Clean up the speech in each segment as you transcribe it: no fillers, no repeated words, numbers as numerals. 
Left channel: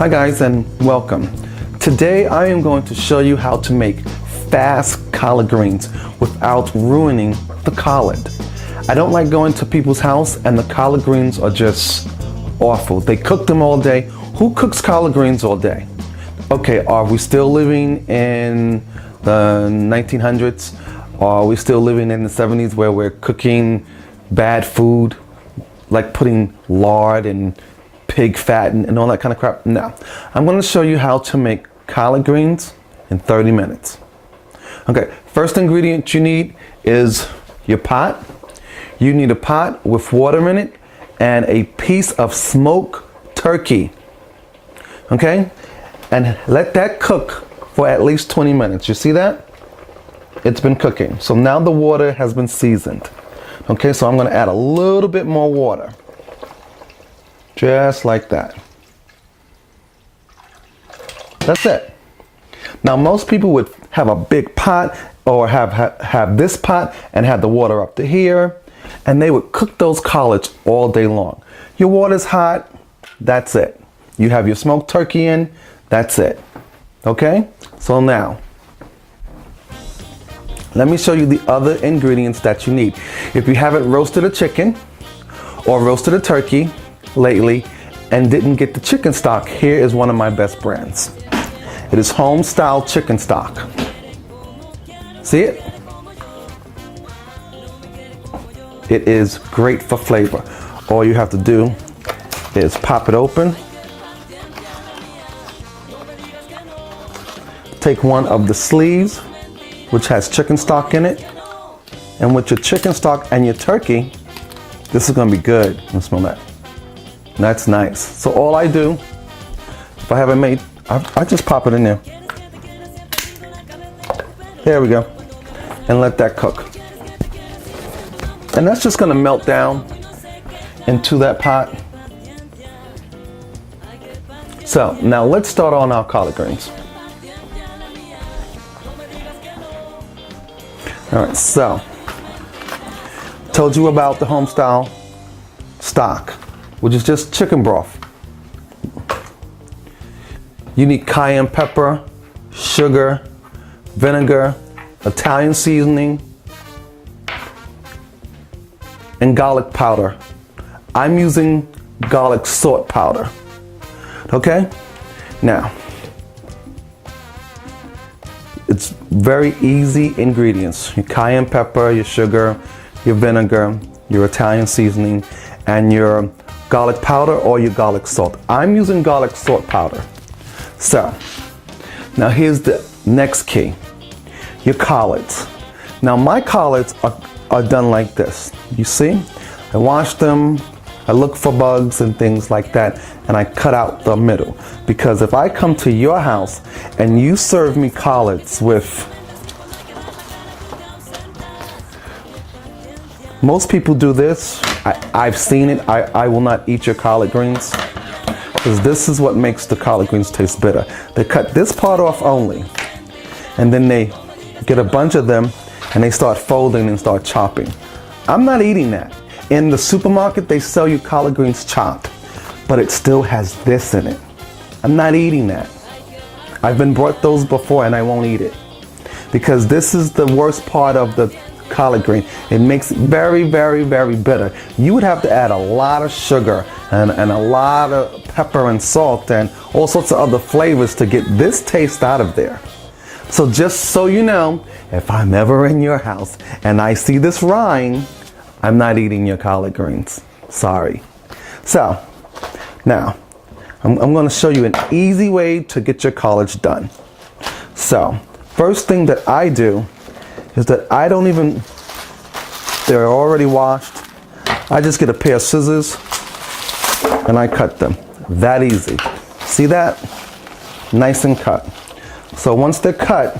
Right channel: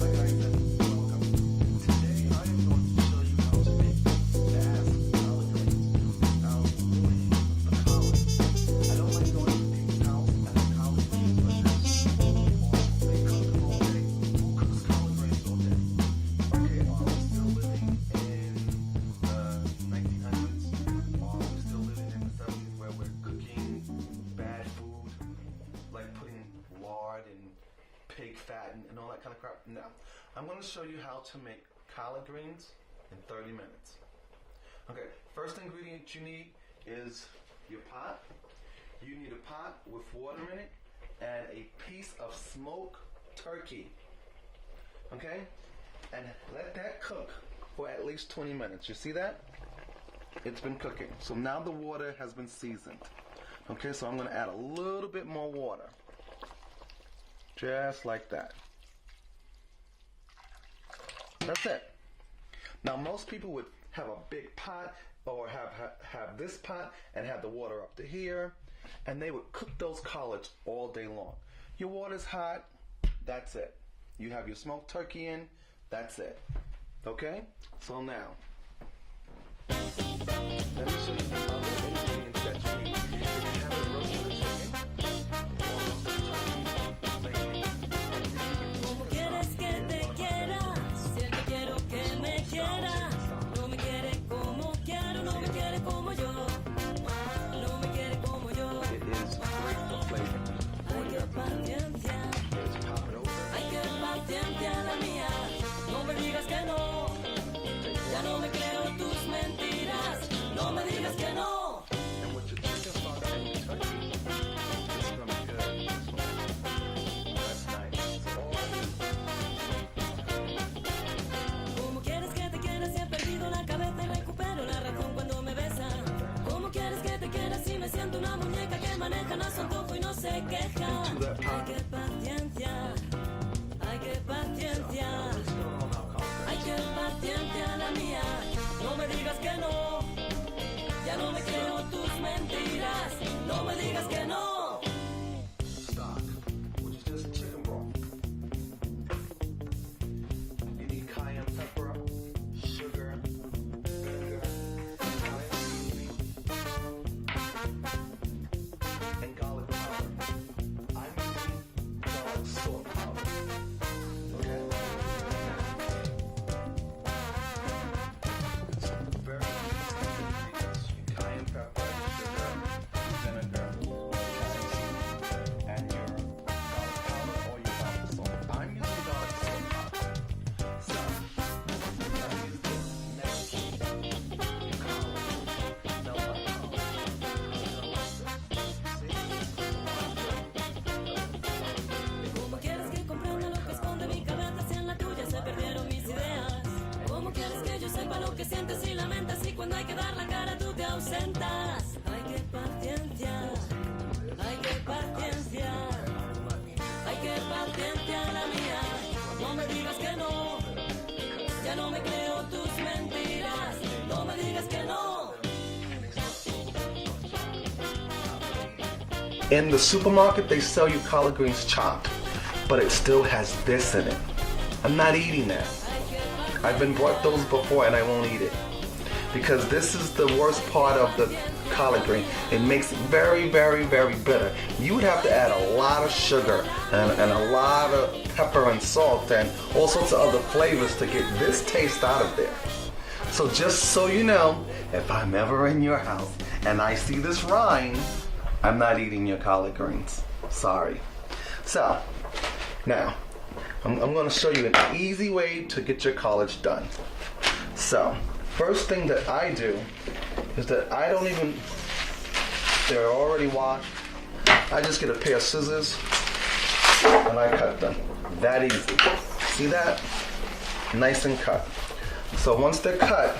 Hi guys and welcome. Today I am going to show you how to make fast collard greens without ruining the collard. I don't like going to people's house and the collard greens are just awful. They cook them all day. Who cooks collard greens all day? Okay, are we still living in the 1900s? Or are we still living in the 70s where we're cooking bad food, like putting lard and pig fat and all that kind of crap? No. I'm going to show you how to make collard greens in 30 minutes. Okay, first ingredient you need is your pot. You need a pot with water in it and a piece of smoked turkey. Okay? And let that cook for at least 20 minutes. You see that? It's been cooking. So now the water has been seasoned. Okay, so I'm going to add a little bit more water. Just like that. That's it. Now most people would have a big pot or have this pot and have the water up to here, and they would cook those collards all day long. Your water's hot, that's it. You have your smoked turkey in, that's it. Okay? So now, let me show you the other ingredients that you need. If you haven't roasted a chicken or roasted a turkey lately and didn't get the chicken stock, here is one of my best brands. It is home style chicken stock. See it? It is great for flavor. All you have to do is pop it open. Take one of the sleeves, which has chicken stock in it. And with your chicken stock and your turkey, this is gonna be good. Let's smell that. That's nice. So all I do, if I haven't made, I just pop it in there. There we go. And let that cook. And that's just gonna melt down into that pot. So now let's start on our collard greens. All right, so told you about the home style stock, which is just chicken broth. You need cayenne pepper, sugar, vinegar, Italian seasoning, and garlic powder. I'm using garlic salt powder. Okay? Now, it's very easy ingredients. Your cayenne pepper, your sugar, your vinegar, your Italian seasoning, and your garlic powder or your garlic salt. I'm using garlic salt powder. So, now here's the next key. Your collards. Now my collards are done like this. You see? I wash them, I look for bugs and things like that, and I cut out the middle. Because if I come to your house and you serve me collards with, most people do this. I've seen it. I will not eat your collard greens because this is what makes the collard greens taste bitter. They cut this part off only, and then they get a bunch of them and they start folding and start chopping. I'm not eating that. In the supermarket, they sell you collard greens chopped, but it still has this in it. I'm not eating that. I've been brought those before and I won't eat it because this is the worst part of the collard green. It makes it very, very, very bitter. You would have to add a lot of sugar and a lot of pepper and salt and all sorts of other flavors to get this taste out of there. So just so you know, if I'm ever in your house and I see this rind, I'm not eating your collard greens. Sorry. So now I'm going to show you an easy way to get your collards done. So first thing that I do is that I don't even, they're already washed. I just get a pair of scissors and I cut them. That easy. See that? Nice and cut. So once they're cut,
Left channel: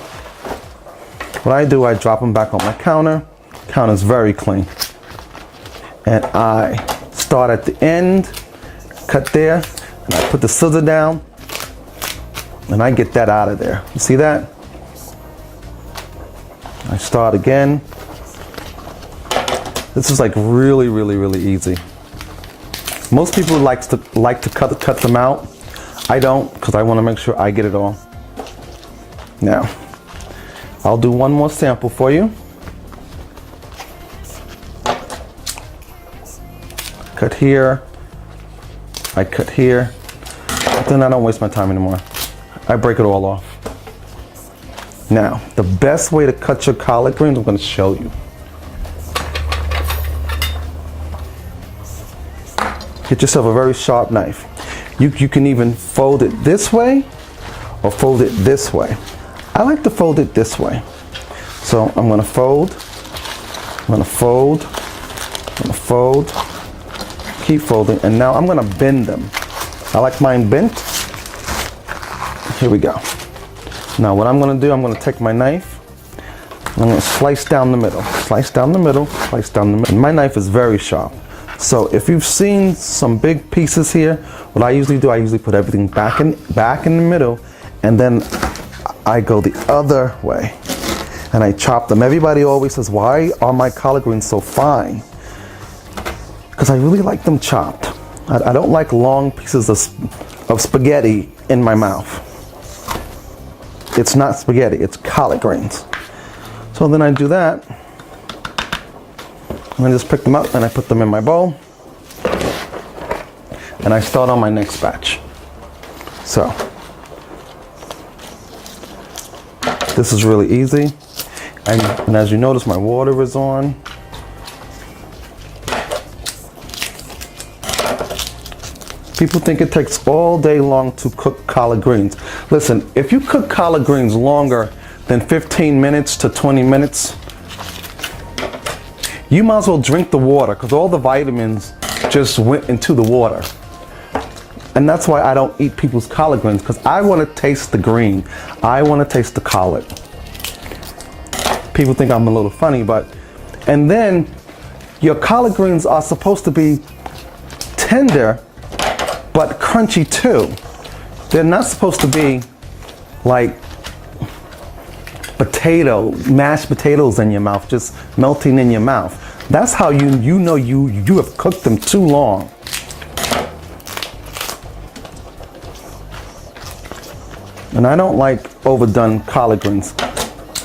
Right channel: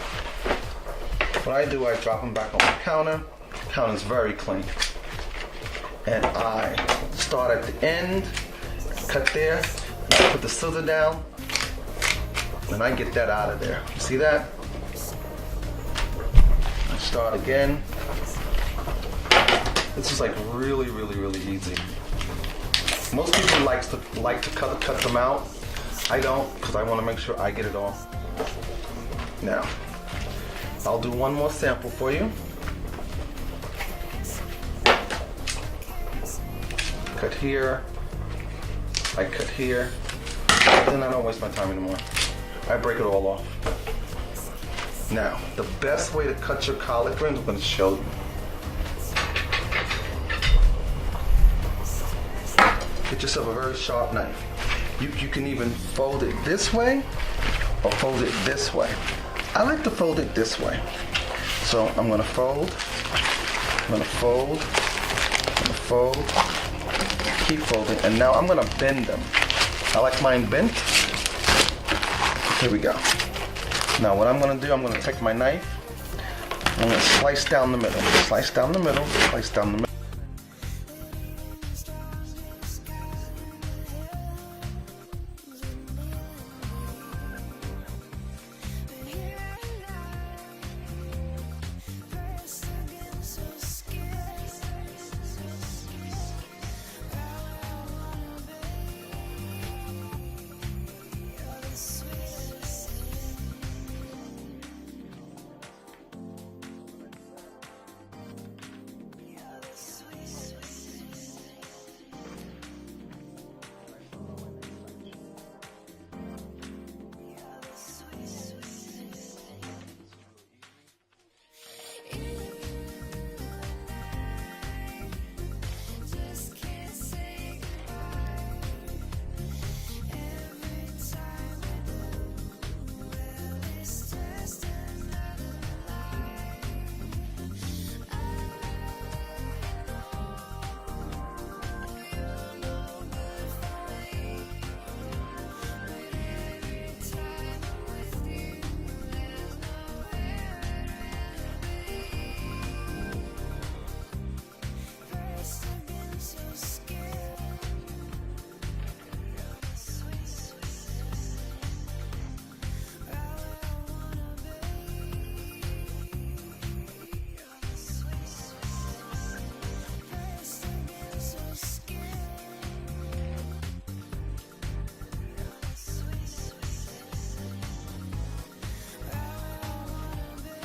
what I do, I drop them back on my counter. Counter's very clean. And I start at the end, cut there, and I put the scissor down, and I get that out of there. You see that? I start again. This is like really, really, really easy. Most people like to cut them out. I don't, because I want to make sure I get it all. Now, I'll do one more sample for you. Cut here, I cut here, then I don't waste my time anymore. I break it all off. Now, the best way to cut your collard greens, I'm going to show you. Get yourself a very sharp knife. You can even fold it this way or fold it this way. I like to fold it this way. So I'm going to fold, I'm going to fold, I'm going to fold, keep folding, and now I'm going to bend them. I like mine bent. Here we go. Now what I'm going to do, I'm going to take my knife, I'm going to slice down the middle, slice down the middle, slice down the middle. And my knife is very sharp. So if you've seen some big pieces here, what I usually do, I usually put everything back in the middle, and then I go the other way and I chop them. Everybody always says, why are my collard greens so fine? Because I really like them chopped. I don't like long pieces of spaghetti in my mouth. It's not spaghetti, it's collard greens. So then I do that. And I just pick them up and I put them in my bowl. And I start on my next batch. So, this is really easy. And as you notice, my water is on. People think it takes all day long to cook collard greens. Listen, if you cook collard greens longer than 15 minutes to 20 minutes, you might as well drink the water, because all the vitamins just went into the water. And that's why I don't eat people's collard greens, because I want to taste the green. I want to taste the collard. People think I'm a little funny, but, and then your collard greens are supposed to be tender, but crunchy too. They're not supposed to be like mashed potatoes in your mouth, just melting in your mouth. That's how you know you have cooked them too long. And I don't like overdone collard greens,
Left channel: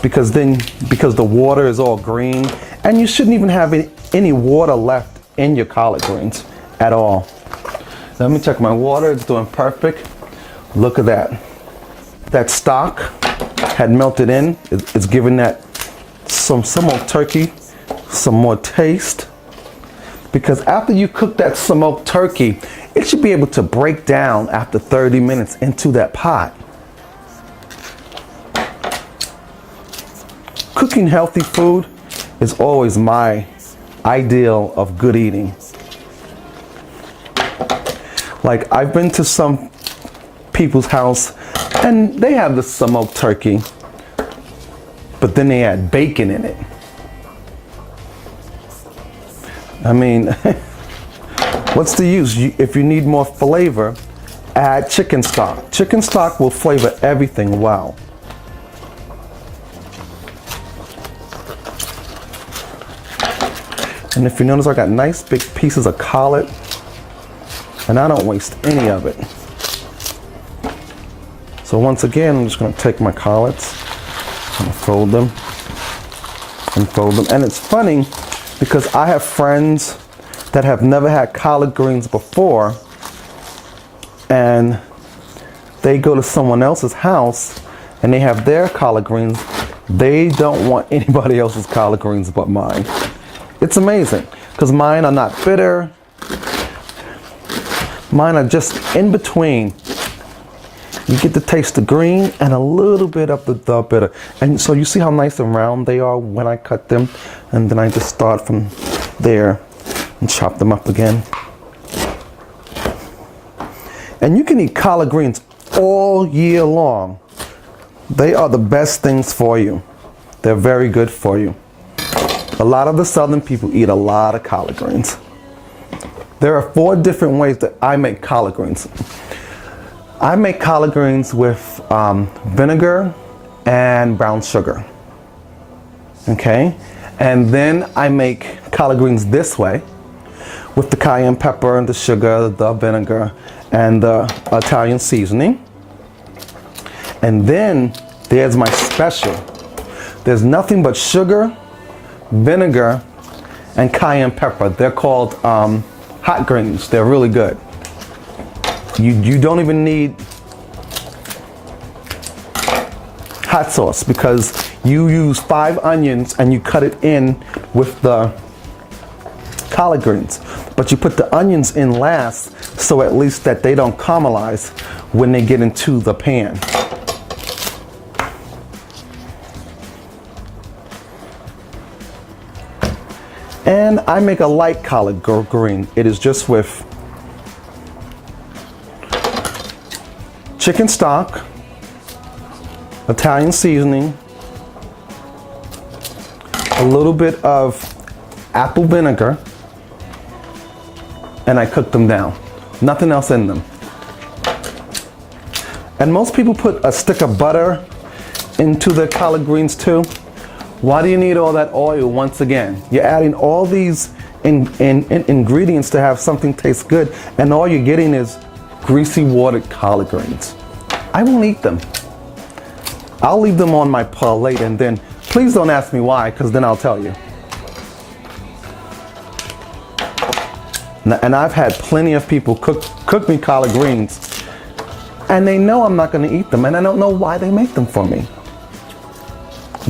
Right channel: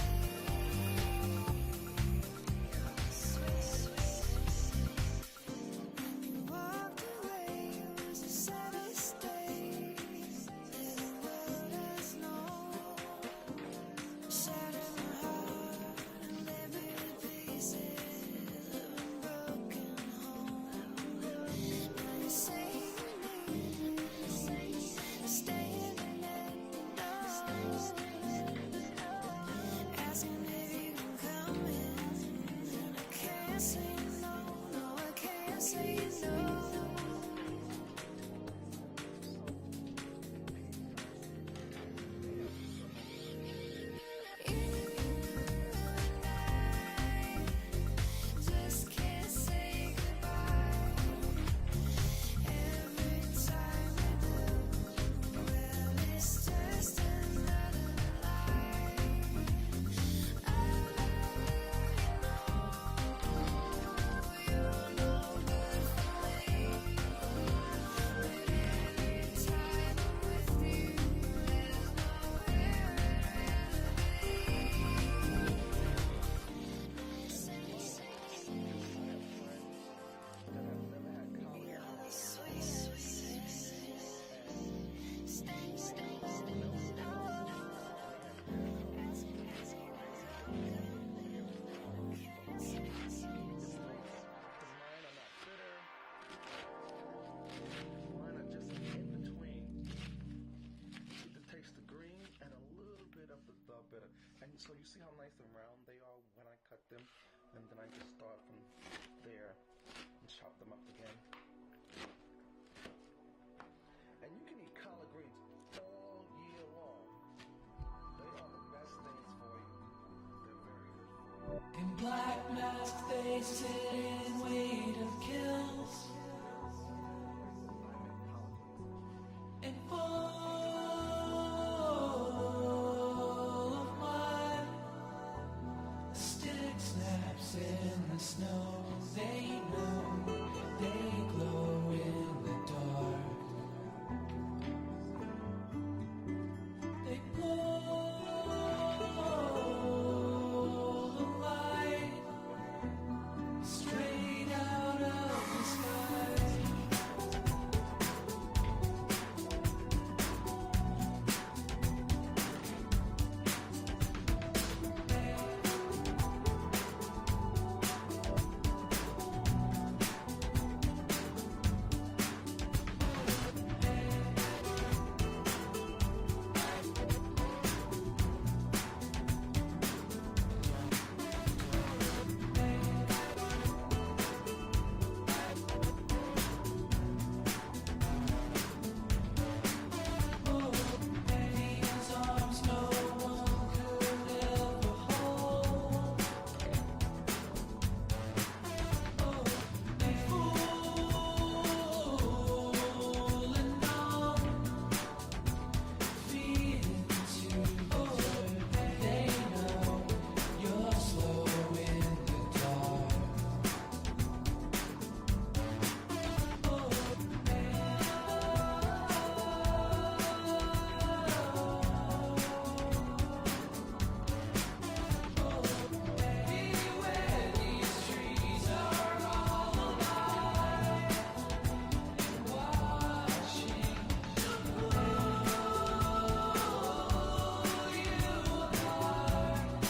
because the water is all green, and you shouldn't even have any water left in your collard greens at all. Let me check my water, it's doing perfect. Look at that. That stock had melted in. It's giving that some smoked turkey some more taste. Because after you cook that smoked turkey, it should be able to break down after 30 minutes into that pot. Cooking healthy food is always my ideal of good eating. Like, I've been to some people's house and they have the smoked turkey, but then they add bacon in it. I mean, what's the use? If you need more flavor, add chicken stock. Chicken stock will flavor everything well. And if you notice, I got nice big pieces of collard, and I don't waste any of it. So once again, I'm just going to take my collards and fold them and fold them. And it's funny because I have friends that have never had collard greens before, and they go to someone else's house and they have their collard greens. They don't want anybody else's collard greens but mine. It's amazing, because mine are not bitter. Mine are just in between. You get to taste the green and a little bit of the bitter. And so you see how nice and round they are when I cut them. And then I just start from there and chop them up again. And you can eat collard greens all year long. They are the best things for you. They're very good for you. A lot of the Southern people eat a lot of collard greens. There are 4 different ways that I make collard greens. I make collard greens with vinegar and brown sugar. Okay? And then I make collard greens this way with the cayenne pepper and the sugar, the vinegar, and the Italian seasoning. And then there's my special. There's nothing but sugar, vinegar, and cayenne pepper. They're called hot greens. They're really good. You don't even need hot sauce because you use 5 onions and you cut it in with the collard greens. But you put the onions in last so at least that they don't caramelize when they get into the pan. And I make a light collard green. It is just with chicken stock, Italian seasoning, a little bit of apple vinegar, and I cook them down. Nothing else in them. And most people put a stick of butter into their collard greens too. Why do you need all that oil once again? You're adding all these ingredients to have something taste good, and all you're getting is greasy watered collard greens. I won't eat them. I'll leave them on my plate, and then please don't ask me why, because then I'll tell you. And I've had plenty of people cook me collard greens, and they know I'm not going to eat them, and I don't know why they make them for me.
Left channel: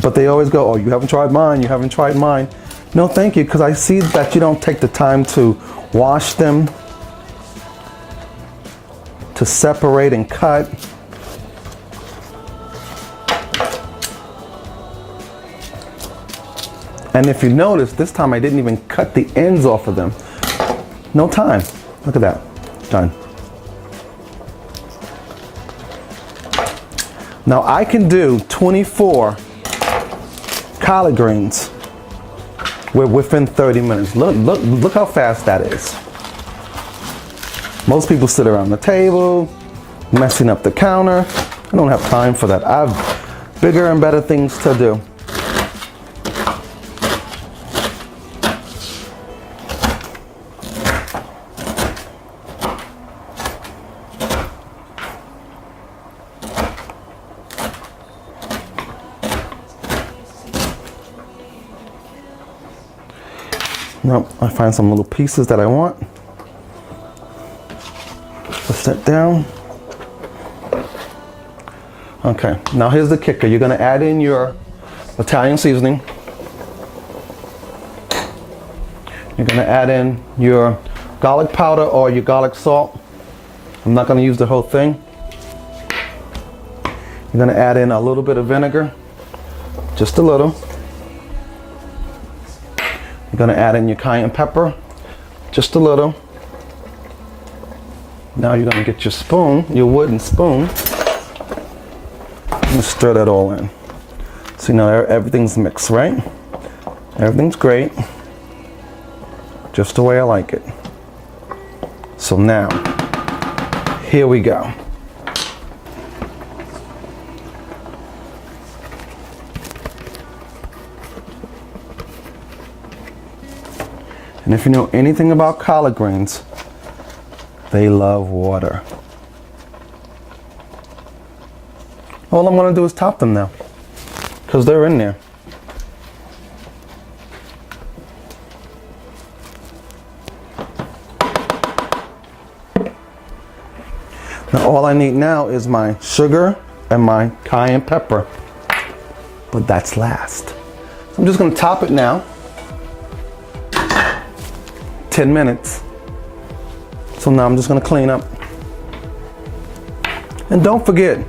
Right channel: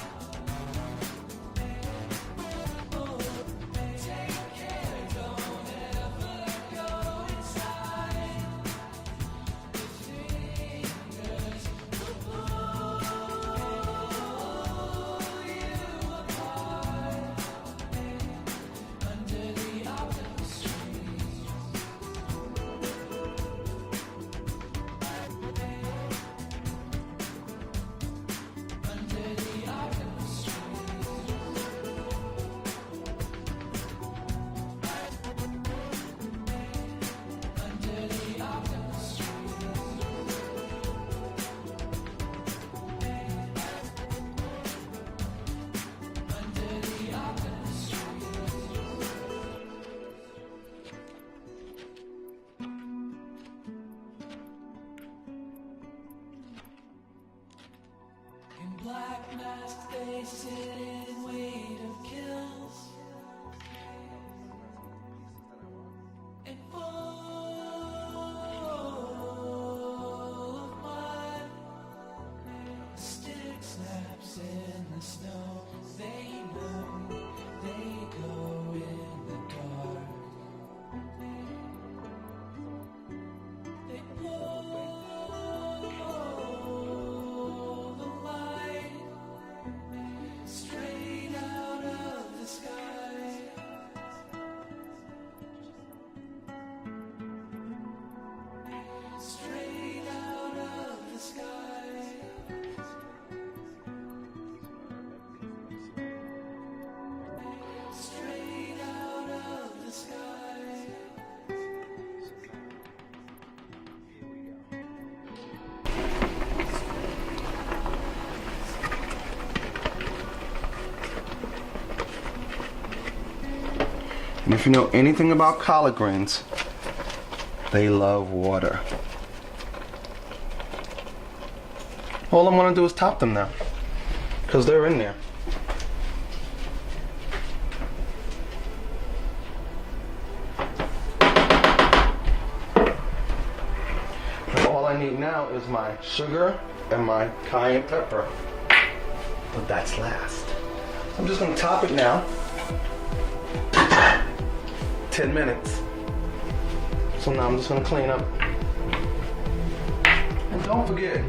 But they always go, oh, you haven't tried mine, you haven't tried mine. No, thank you, because I see that you don't take the time to wash them, to separate and cut. And if you notice, this time I didn't even cut the ends off of them. No time. Look at that. Done. Now I can do 24 collard greens within 30 minutes. Look how fast that is. Most people sit around the table, messing up the counter. I don't have time for that. I have bigger and better things to do. Nope, I find some little pieces that I want. Put that down. Okay, now here's the kicker. You're gonna add in your Italian seasoning. You're gonna add in your garlic powder or your garlic salt. I'm not gonna use the whole thing. You're gonna add in a little bit of vinegar, just a little. You're gonna add in your cayenne pepper, just a little. Now you're gonna get your spoon, your wooden spoon, and stir that all in. So now everything's mixed, right? Everything's great, just the way I like it. So now, here we go. And if you know anything about collard greens, they love water. All I'm gonna do is top them now, because they're in there. Now all I need now is my sugar and my cayenne pepper, but that's last. I'm just gonna top it now. 10 minutes. So now I'm just gonna clean up. And don't forget,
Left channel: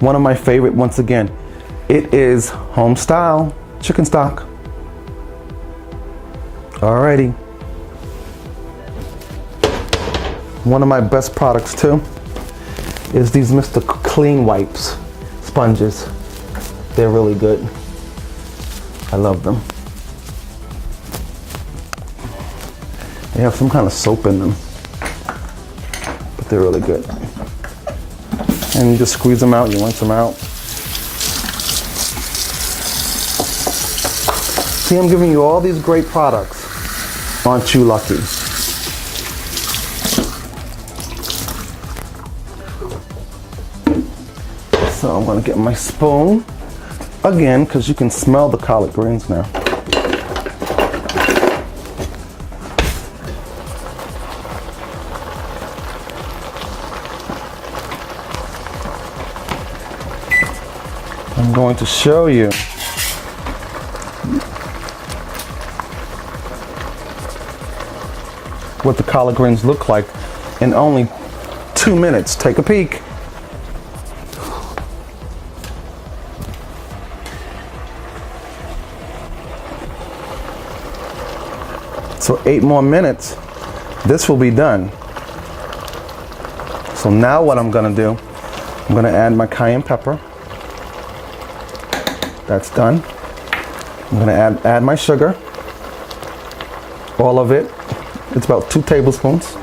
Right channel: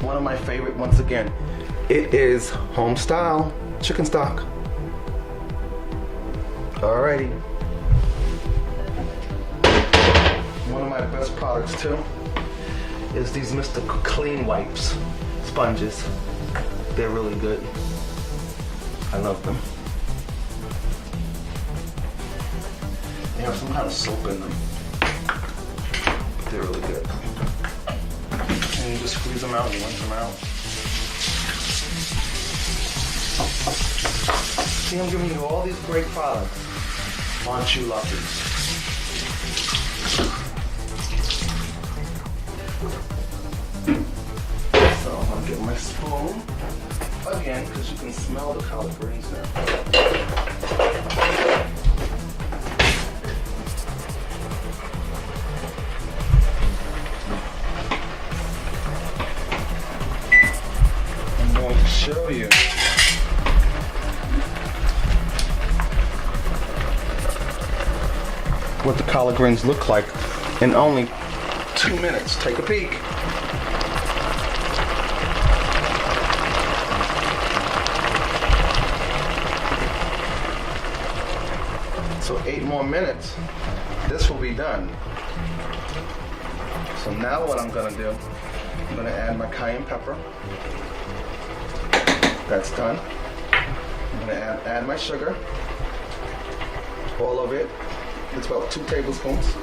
one of my favorite, once again, it is home style chicken stock. Alrighty. One of my best products too is these Mr. Clean Wipes sponges. They're really good. I love them. They have some kind of soap in them, but they're really good. And you just squeeze them out, you rinse them out. See, I'm giving you all these great products. Aren't you lucky? So I'm gonna get my spoon again, because you can smell the collard greens now. I'm going to show you what the collard greens look like in only 2 minutes. Take a peek. So 8 more minutes, this will be done. So now what I'm gonna do, I'm gonna add my cayenne pepper. That's done. I'm gonna add my sugar, all of it. It's about 2 tablespoons.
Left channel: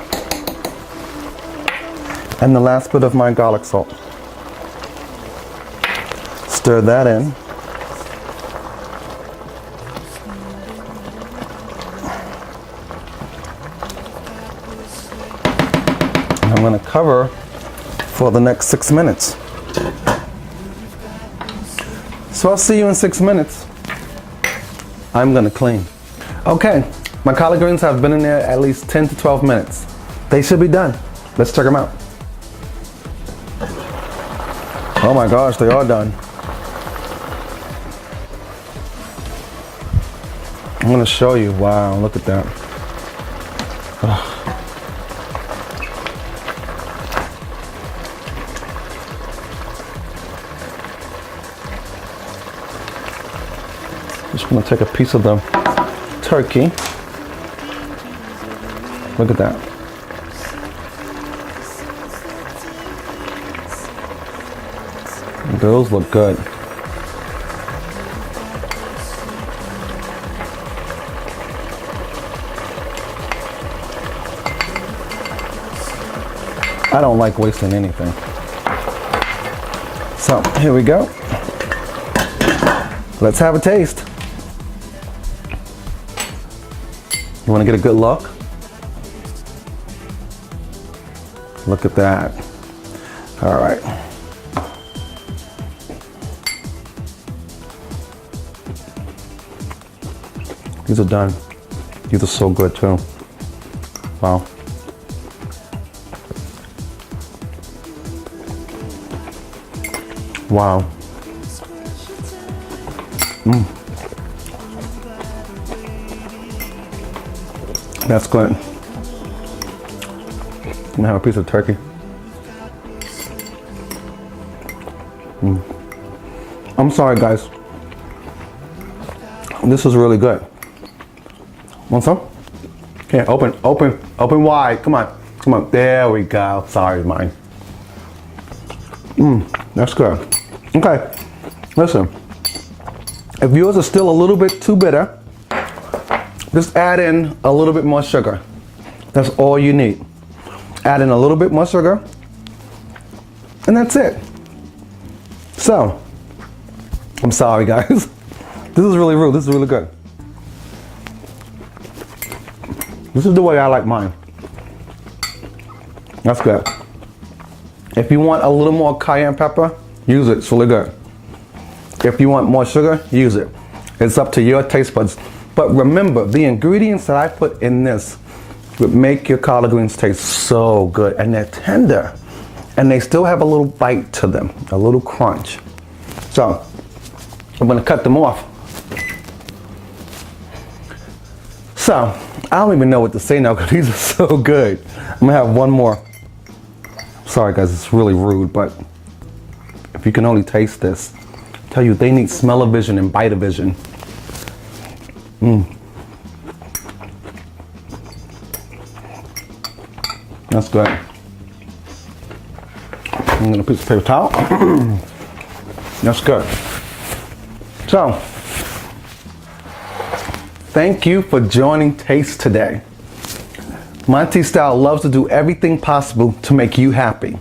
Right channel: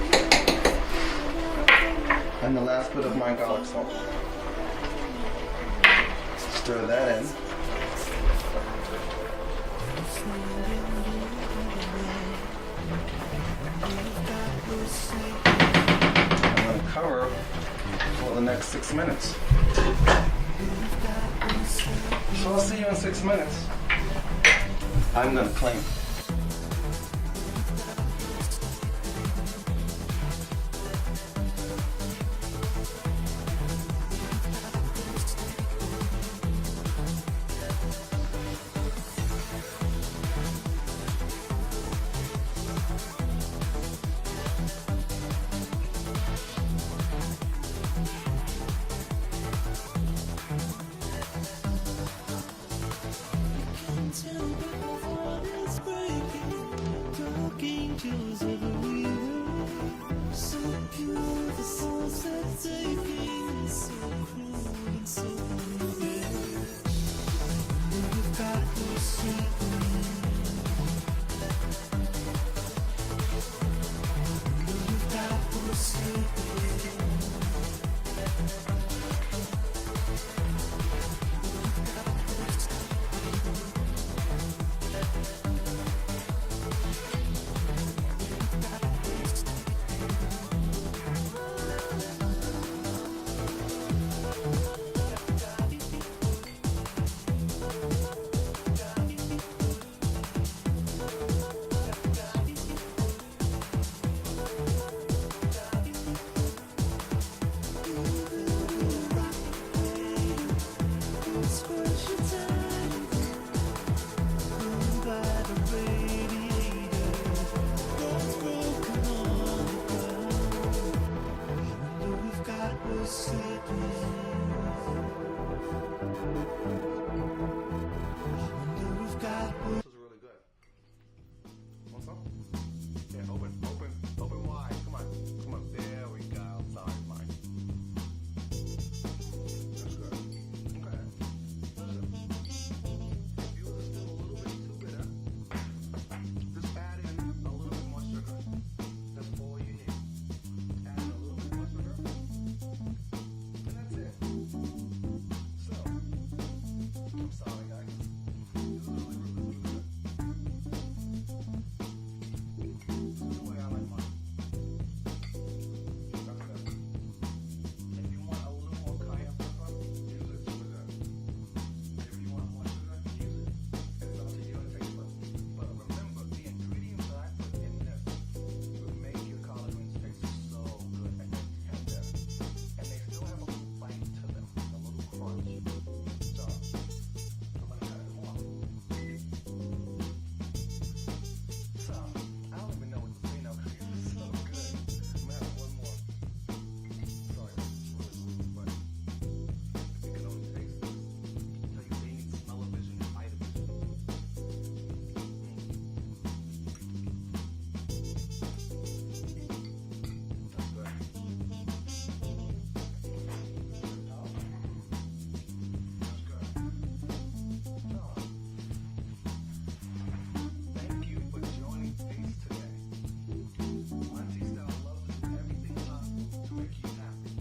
And the last bit of my garlic salt. Stir that in. I'm going to cover for the next 6 minutes. So I'll see you in 6 minutes. I'm going to clean. Okay, my collard greens have been in there at least 10 to 12 minutes. They should be done. Let's check them out. Oh my gosh, they are done. I'm going to show you. Wow, look at that. Ugh. Just gonna take a piece of the turkey. Look at that. Those look good. I don't like wasting anything. So here we go. Let's have a taste. You want to get a good look? Look at that. All right. These are done. These are so good too. Wow. Wow. Mm. That's good. I'm gonna have a piece of turkey. Mm. I'm sorry, guys. This is really good. Want some? Here, open wide. Come on. There we go. Sorry, mine. That's good. Okay, listen. If yours is still a little bit too bitter, just add in a little bit more sugar. That's all you need. Add in a little bit more sugar, and that's it. So, I'm sorry, guys. This is really rude. This is really good. This is the way I like mine. That's good. If you want a little more cayenne pepper, use it. It's really good. If you want more sugar, use it. It's up to your taste buds. But remember, the ingredients that I put in this would make your collard greens taste so good. And they're tender. And they still have a little bite to them, a little crunch. So, I'm gonna cut them off. So, I don't even know what to say now because these are so good. I'm gonna have one more. Sorry guys, it's really rude, but if you can only taste this, I tell you, they need smell-o-vision and bite-o-vision. That's good. I'm gonna piece of paper towel. That's good. So, thank you for joining Taste today. Monty Style loves to do everything possible to make you happy.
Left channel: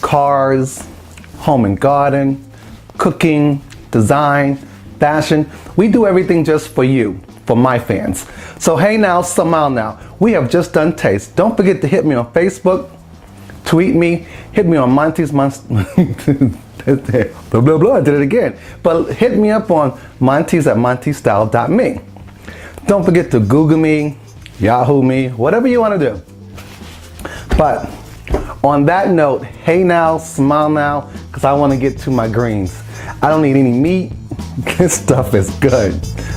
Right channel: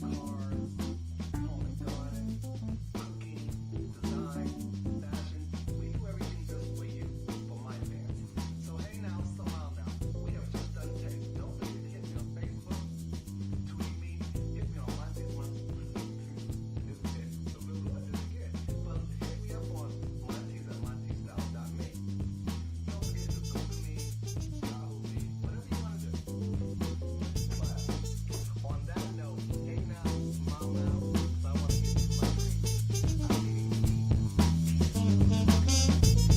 Cars, home and garden, cooking, design, fashion. We do everything just for you, for my fans. So hey now, smile now. We have just done Taste. Don't forget to hit me on Facebook, tweet me, hit me on Monteys, blah, blah, blah, I did it again. But hit me up on Monteys at monteystyle.me. Don't forget to Google me, Yahoo me, whatever you want to do. But on that note, hey now, smile now, because I want to get to my greens. I don't need any meat. This stuff is good.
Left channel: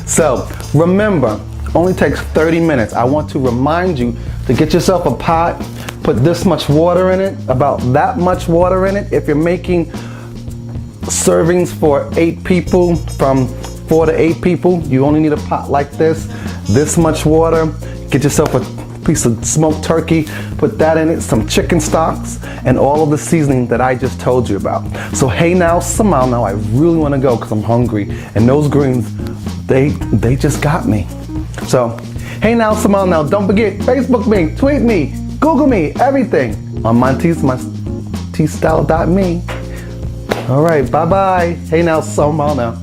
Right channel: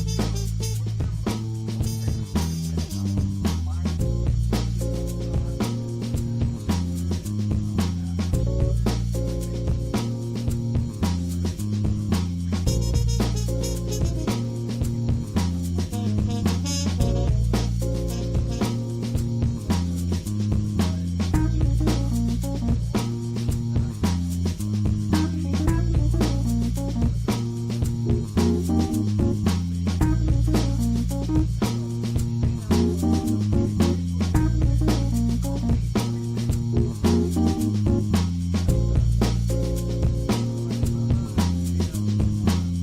So remember, only takes 30 minutes. I want to remind you to get yourself a pot, put this much water in it, about that much water in it. If you're making servings for 8 people, from 4 to 8 people, you only need a pot like this much water. Get yourself a piece of smoked turkey, put that in it, some chicken stocks, and all of the seasoning that I just told you about. So hey now, smile now, I really want to go because I'm hungry, and those greens, they just got me. So hey now, smile now, don't forget, Facebook me, tweet me, Google me, everything on monteystyle.me. All right, bye-bye. Hey now, smile now.